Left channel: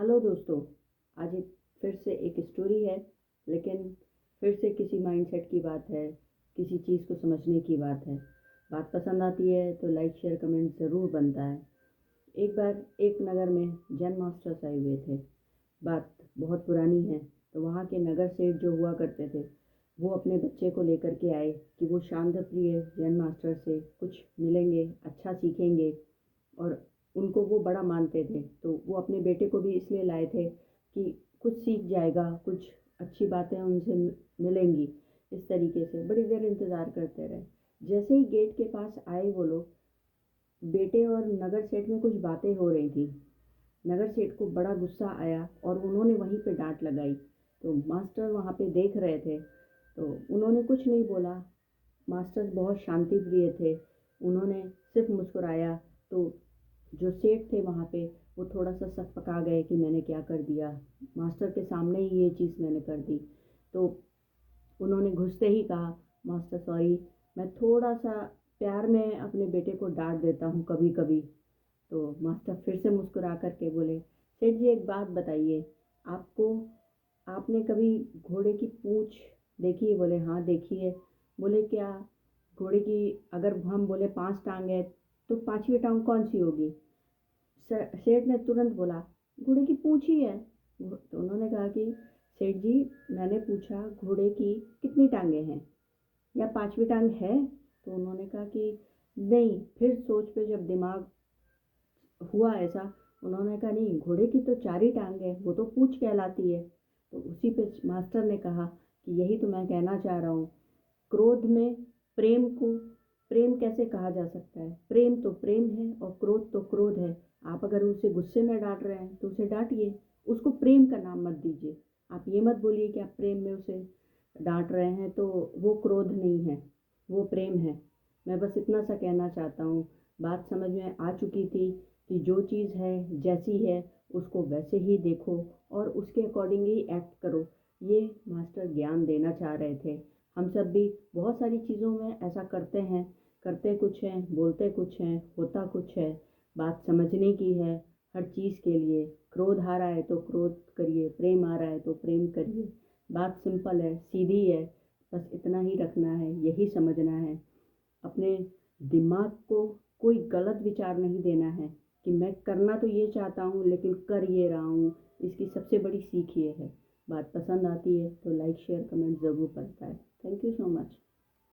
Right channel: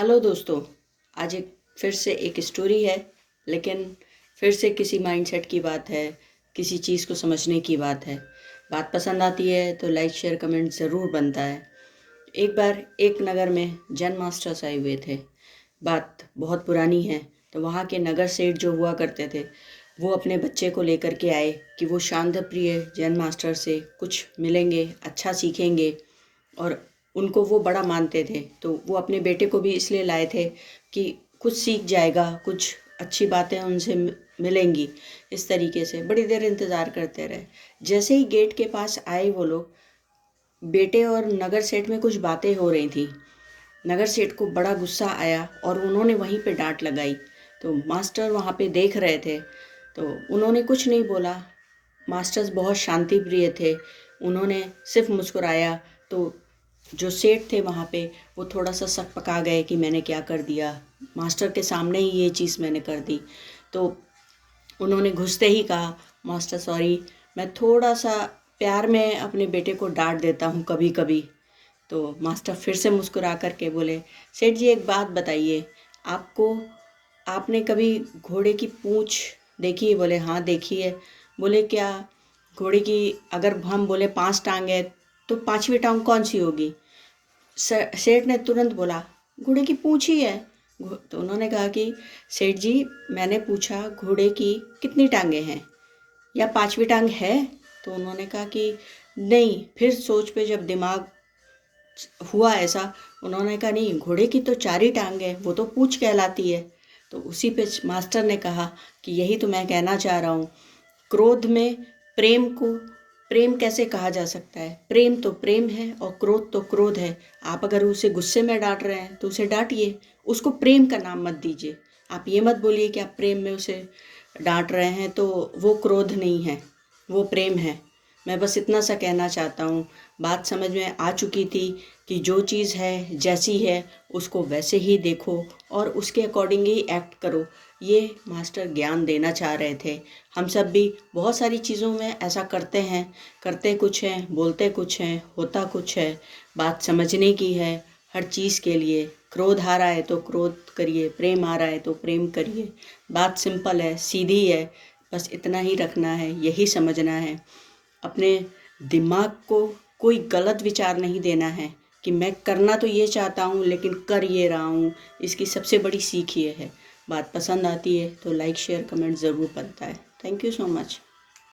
Hello दोस्तों। आज एक फिर से एक स्टोरी है, लेकिन फिर से किसी माइंडसेट की बात है, किसी चीज़ को समझने की बात है। बात पसंद आती है तो लाइक शेयर कमेंट ज़रूर बनता है। एक बार एक नगर में जैन मास्टर्स आए हुए थे। बात बहुत पुरानी है। तो वहाँ के नगर सेठ जो हुआ करते थे, वो अपने बच्चे को लेकर के आए कि वो शांत प्रिय जैन मास्टर से कुछ मिलेंगे, अच्छा सीखेंगे। और उनको वो बड़ा मानते थे, तो वो अपने बेटे को भी इसलिए लाए थे कि कुछ सीख जाएगा, कुछ अच्छी बातें उनसे मिलेंगी। इस तरीके से बड़ी देर इंतज़ार करते रहे। जैसे ही गेट के पास आए वो लोग, बेटे और नगर सेठ में कुछ बातें हो रही थी। नगर सेठ को बड़ा गुस्सा आया और उन्होंने वहीं पे डांट लगाई। तो मास्टर वहाँ पे देख रहे थे, तो उन्होंने कुछ नहीं बोला। मास्टर्स बहुत शांति प्रिय थे, उन्होंने सिर्फ मुस्कुराया। तो जो सेठ थे वहाँ पे, वो थोड़ा सा सकपका गए कि मैंने क्या कर दिया, मास्टर के सामने ही ये चीज़ मैंने कर दी। तो उन्होंने घुसते ही कहा, मास्टर सॉरी, मैं थोड़ा सा प्यार में अपने बेटे को डांट देता हूँ कभी कभी। तो मास्टर फिर से मुस्कुरा कर के बोले, सेठ जी एक बात बताइए, आपको आपने कभी घोड़े की पूँछ देखी है? बोले हाँ देखी है। बोले क्या घोड़े की, अगर हम बोले 5 टांग है तो 5वीं टांग कौन सी होगी? सेठ ने तुरंत बोला, घोड़े की पूँछ ही है। तो उन्होंने कहा कि सेठ जी, मैंने पूछा घोड़े की कितनी टांगें हैं, या 5वीं टांग है? तो उन्होंने कहा कि नहीं। फिर सोच पे जब दिमाग हुआ ऐसा, उन्होंने कहा नहीं, घोड़े की तो 4 ही टांग है, वो तो पूँछ कहलाती है। तो उसी पे मास्टर ने कहा कि यही तो मैं कहना चाह रहा हूँ, क्रोध में प्रेम को प्रेम कैसे कहा जा सकता है? प्रेम तो प्रेम है और क्रोध तो क्रोध है। आप अगर उसे गुस्से में डांट रहे हैं तो उसे डांटिए, उसको प्रेम का नाम मत दीजिए। आप ये मत बोलिए कि आप प्रेम में उसे डांट रहे हैं, तो वो क्रोध नहीं है, वो प्रेम है। मैं बस इतना सा कहना चाहता हूँ। बात समझ में आ चुकी थी कि जो चीज़ है जैसी है उसको वैसे ही देखो और उसके अकॉर्डिंग ही एक्ट करो। ये मास्टर ज्ञान देना चाह रहे थे। हम सब भी बहुत सारी चीज़ों में ऐसा करते हैं, करते कुछ हैं, बोलते कुछ हैं, होता कुछ है। बात समझने की है। हर चीज़ के लिए क्रोध आ रहा है तो क्रोध करिए, प्रेम आ रहा है तो प्रेम करिए। बात सिंपल है, सीधी है। बस इतना ही रखना है, यही समझना है। अपने दिमाग को कोई गलत विचार नहीं देना है कि मैं करना तो ये चाहता हूँ लेकिन कर ये रहा हूँ। इसकी सबसे बड़ी सीख ये है। बात पसंद आती है तो लाइक शेयर कमेंट ज़रूर बनता है। Thank you so much.